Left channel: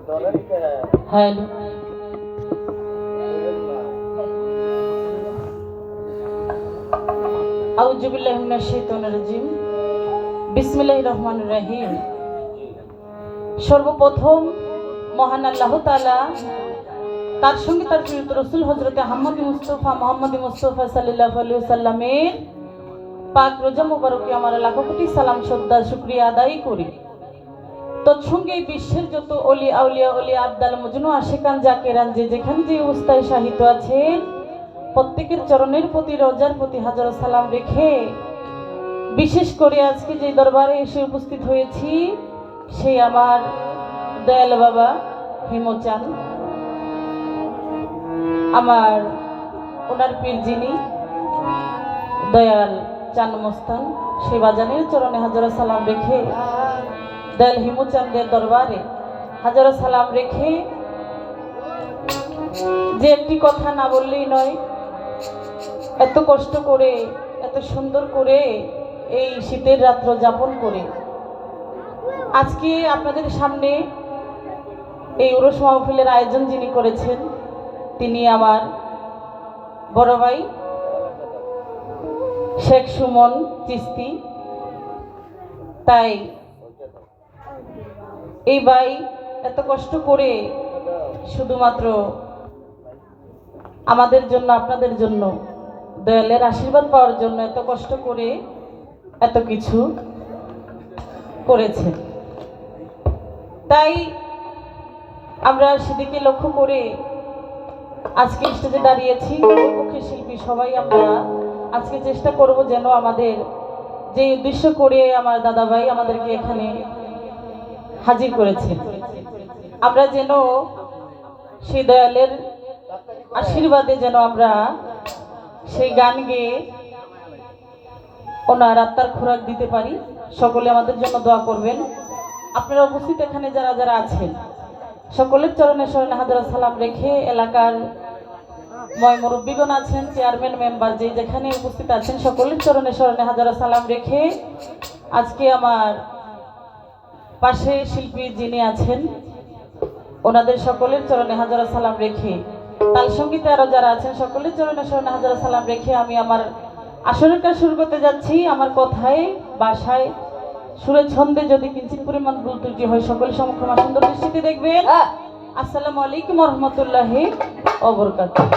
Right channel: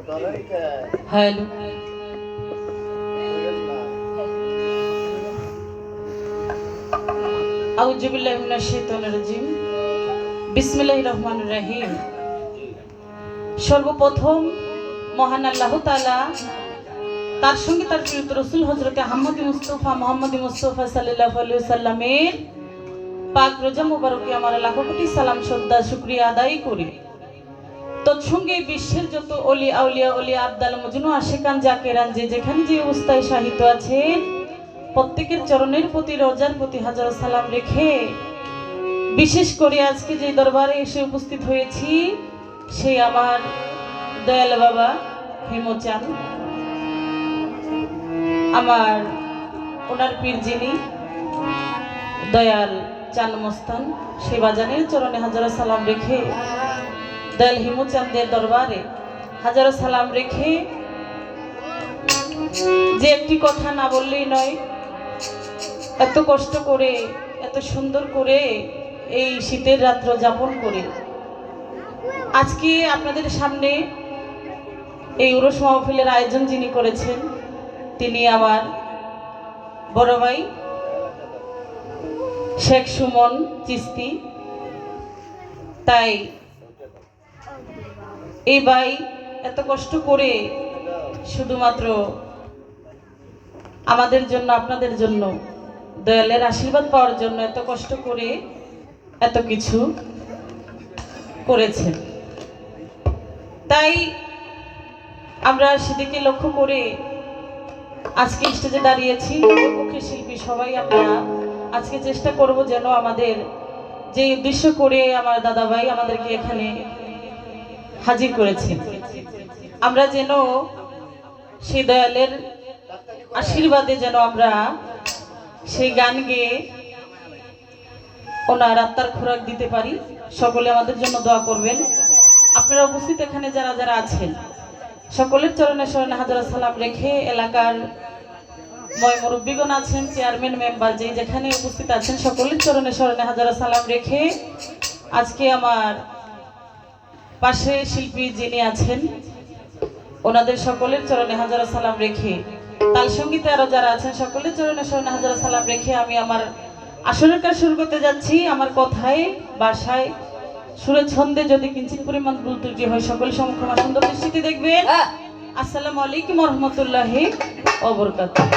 Hello, আউযু বিল্লাহি মিনাশ শাইতানির রাজিম। বিসমিল্লাহির রহমানির রহিম। সর্বপ্রথম মহান আল্লাহ তাআলা, তার সঙ্গে তার প্রিয় রাসূল হযরত মুহাম্মদ মুস্তাফা সাল্লাল্লাহু আলাইহি ওয়াসাল্লামের পাক রোজা মুবারকে আমার লাখো কোটি সালাম শ্রদ্ধা শুকরিয়া আদায় করি। তৎসঙ্গে বিশ্বের যত অলি আউলিয়া অলিয়া আবদাল মজনু আশিকান জাকেরান যে যেখানে যে অবস্থায় সাহিত্য আছেন, প্রত্যেকের চরণের প্রতি রোজার প্রতি হাজার সালাম রেখে বিশেষ করে আজকে যে দরবারে এসে উপস্থিত হয়েছি, সেই আমার দয়াল বাবা হেমচাঁদ, আমার ওনার পীর যিনি দয়াল চান মস্তান, সেই বাজানের চরণে হাজার সালাম রেখে, দয়াল হেমচাঁদের দরবারে হাজারো সালাম রেখে যে একটি কথা না বললেই নয়, এত কষ্ট করে এত সুন্দর করে এই শীতের রাত্র যাপন করে আজকে আপনাদের সামনে এই উরস মাহফিলের আয়োজন যিনি করেছেন, তিনি আমার বড় ভাই শেখ সুমন চিস্তি। তাই এই ভাই এত কষ্ট করে শুধুমাত্র আমাদের জন্য, আপনাদের জন্য, দয়ালের আশীর্বাদ পাওয়ার জন্য এত কষ্ট করে এত কিছু করেছেন। তাই আমরা সেদিকে লক্ষ্য করে আজকে স্টেজে দাঁড়িয়েছি। লোকমুখী শিল্পী সবাই আমরা আজকে চেষ্টা করব যেন আমাদের যে উদ্দেশ্য করে আমার দাদা ভাই আমাদেরকে এখানে হাজির করেছেন, আমরা যেন সেই দয়ালের আশীর্বাদে যেন আমরা সেই গান গেয়ে ওনার আত্মার খোরাক দিতে পারি। সকলে আমাদের জন্য দোয়া করবেন। আপনারা উপস্থিত এখানে যারা যারা আছেন, সকলের চরণে শরণে হাজার সালাম রেখে, এলাকার ময় মুরব্বীগণ আছেন, চেয়ারম্যান মেম্বার যে যেখানে উপস্থিত আছেন, সকলের চরণে শরণে হাজার সালাম রেখে আজকে আমার পাশে শিল্পী যিনি আছেন, ওনাদের সকলের চরণে হাজার সালাম রেখে, তাল সঙ্গীতে আরো যারা আছেন, সকলের চরণে শরণে হাজার সালাম রেখে আমি আমার আসরের কাজ শুরু করতে যাচ্ছি। আমার কথায় বাসায় সুরে ছন্দে যদি কিঞ্চিত পরিমাণ ভুল ত্রুটি হয়, সকলের সম্মুখে আমার সুন্দর দৃষ্টিতে দেখবেন। আসসালামু আলাইকুম ওয়া রাহমাতুল্লাহি ওয়া বারাকাতুহু।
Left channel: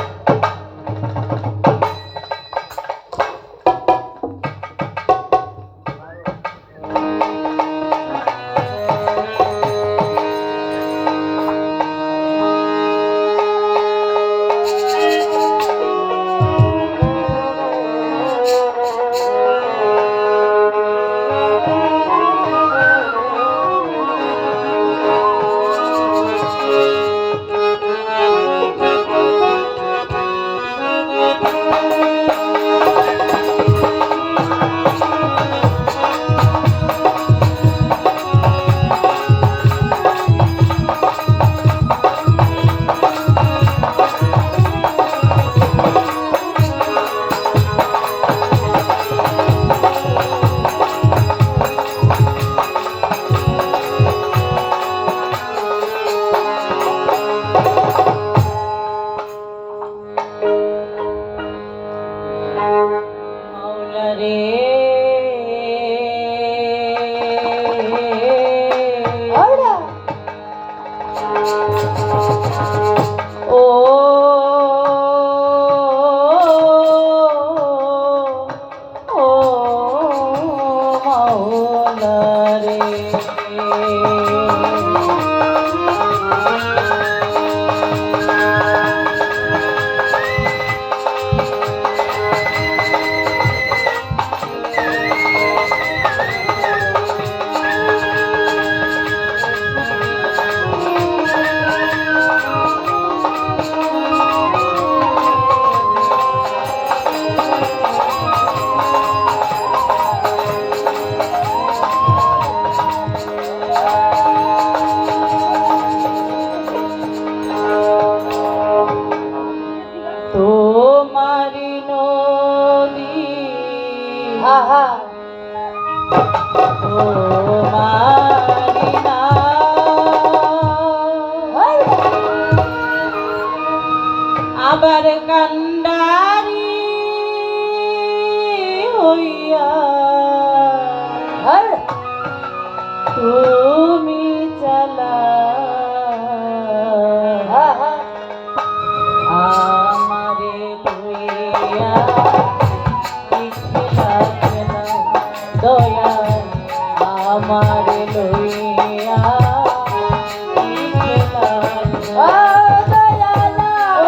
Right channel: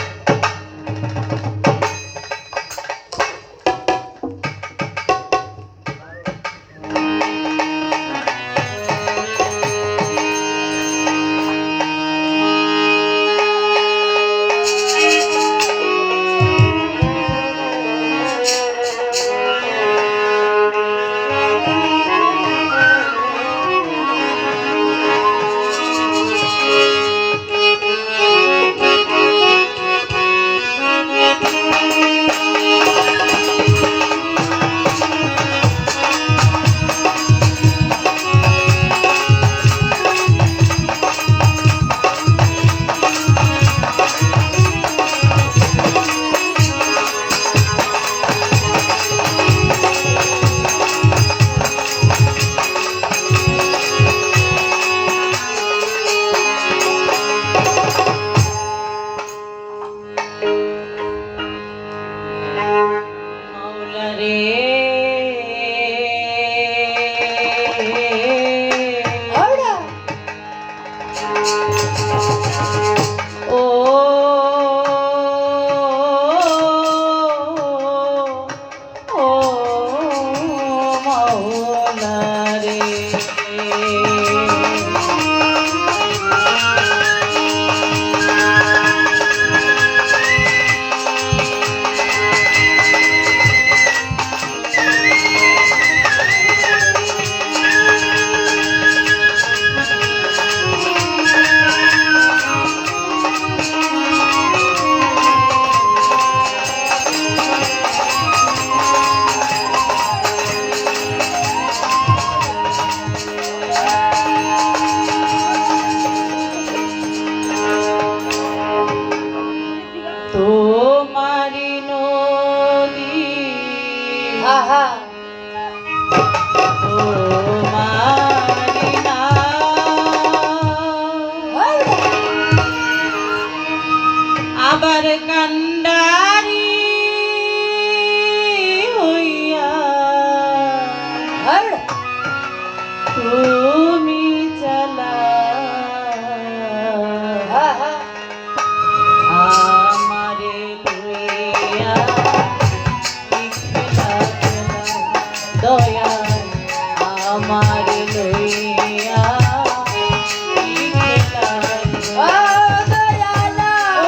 তুমি চালা আমারে লইয়া কি খেলা খেলা দয়া আমারে লইয়া কি খেলা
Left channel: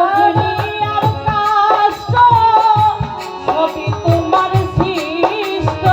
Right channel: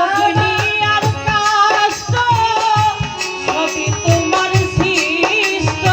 দুনিয়ার কষ্ট সবই তোমার সৃষ্ট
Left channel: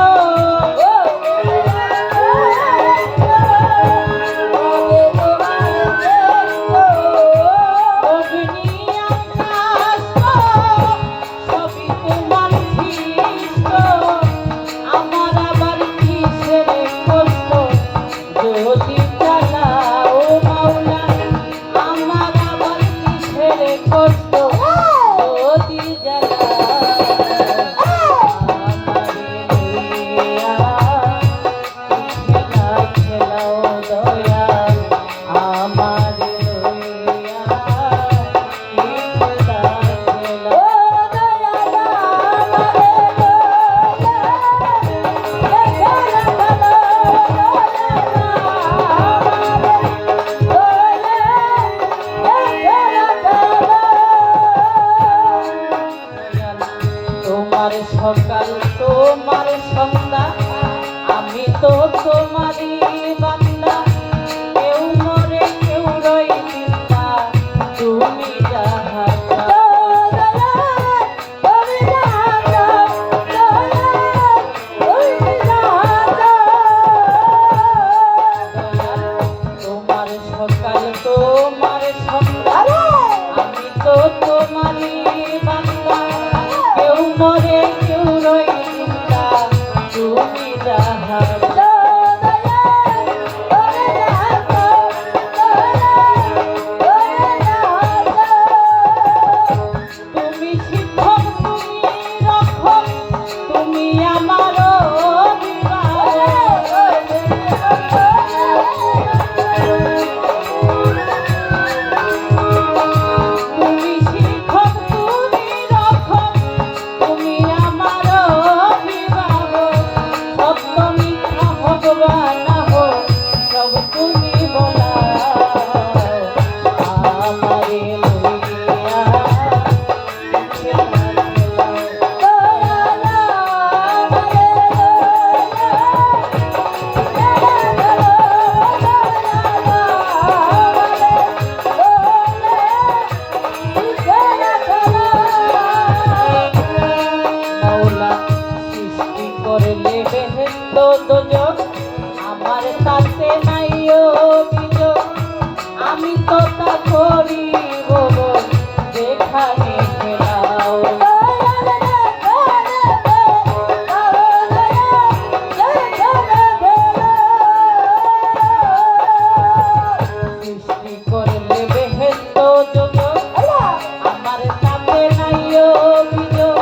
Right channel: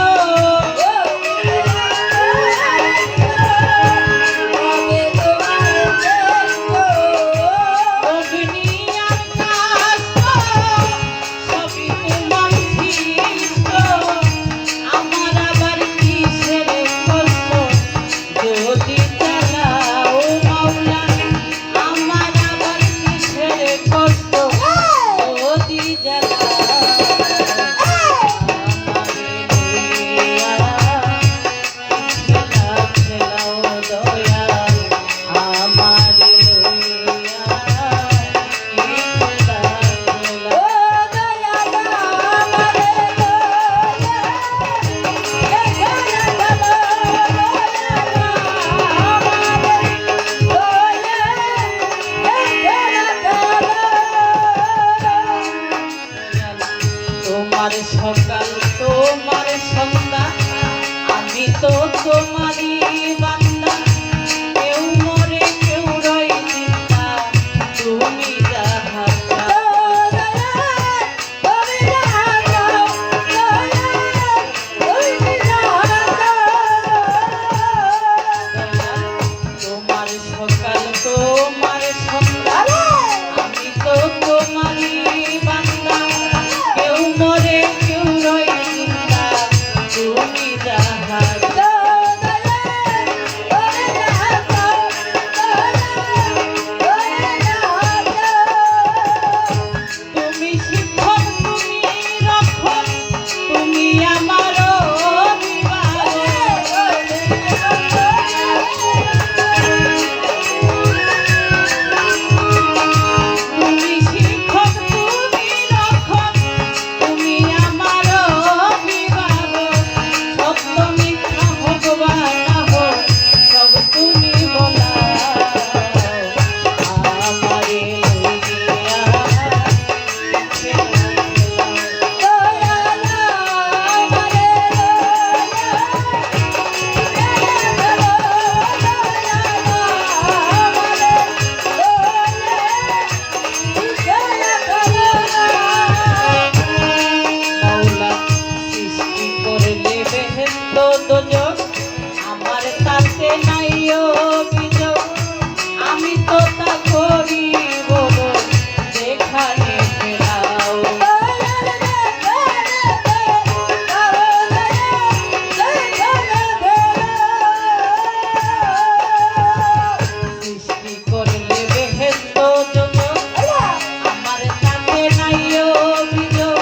তোমার সকাল তোমার সন্ধ্যা আমি তো তোমারই বান্দা কেউ মরে কেউ রই জিন্দা তুমি যাহা তোমার সকাল তোমার সন্ধ্যা আমি তো তোমারই বান্দা কেউ মরে কেউ রই জিন্দা তুমি যাহা তুমি শিক্ষক তুমি রক্ষক তুমি আমার তুমি শিক্ষক তুমি রক্ষক তুমি আমার অভিভাবক সত্য মিথ্যা ভগবান হো সব তুমি বলা আমারে লইয়া মাওলা সৃষ্টি করলে বেহেশত দোজখ আমার তাতে নাই অভিযোগ আমি তো তা করি বলো যেখানে ফেরাও সৃষ্টি করলে বেহেশত দোজখ আমার তাতে নাই অভিযোগ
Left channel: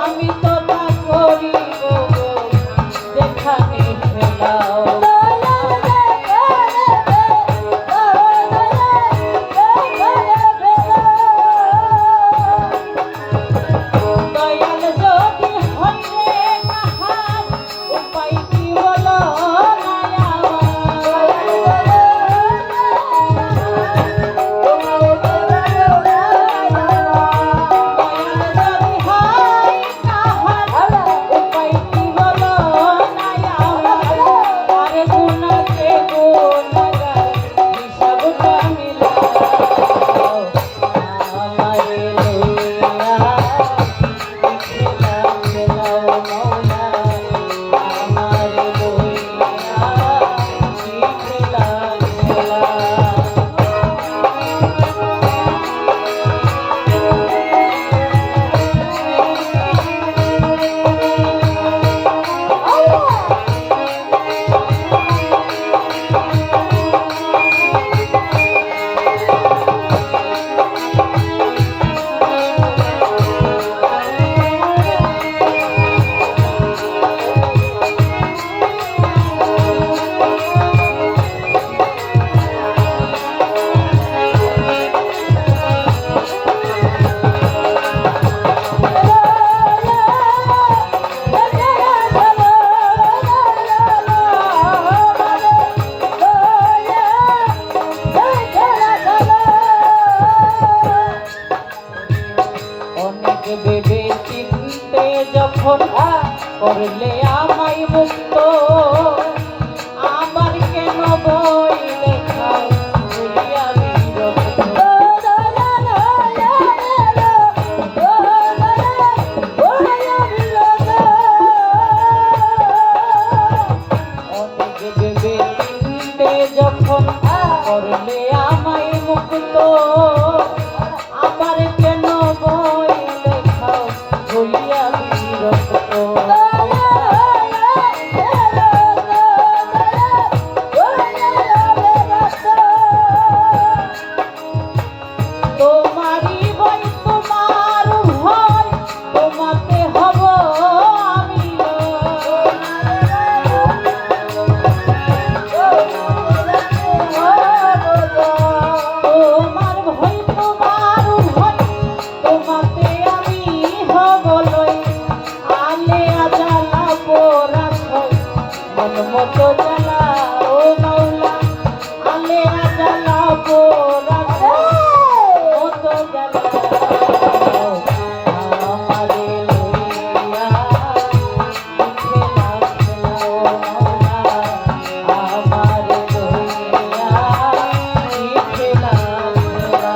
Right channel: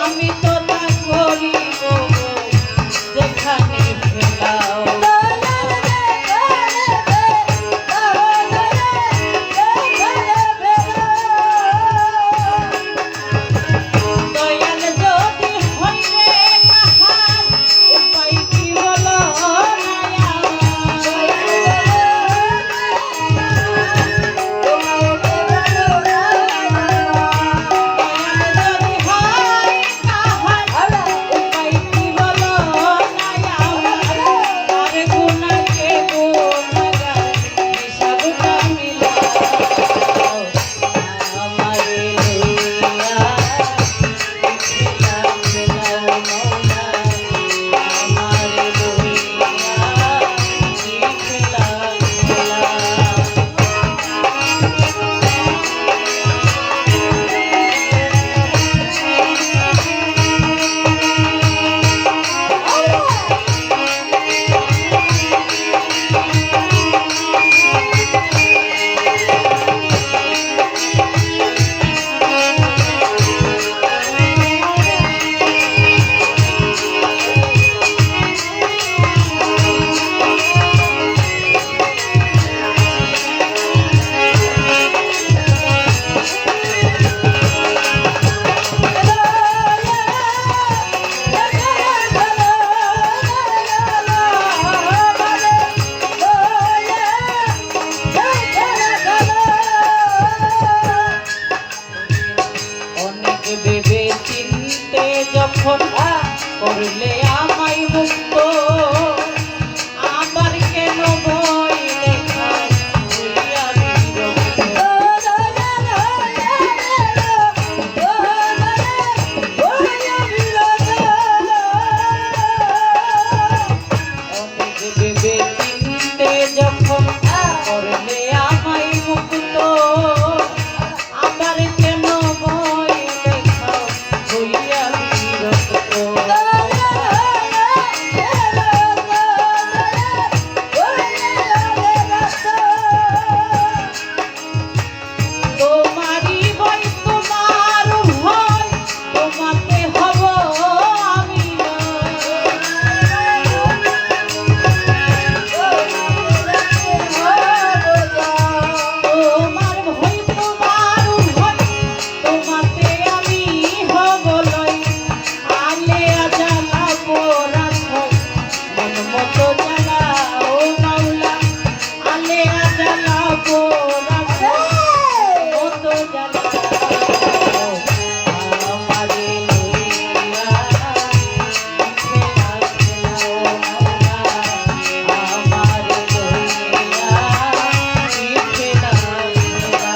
আমি তো তা করি বলো যেখানে ফেরাও কত জ্বালা ও মাওলা আলেয়া জ্বালা পোড়াছে কত জ্বালা আমারে লইয়া মিঠে লাগছে না ও মাওলা আমারে লইয়া মিঠে লাগছে না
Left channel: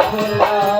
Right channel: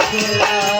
খেলা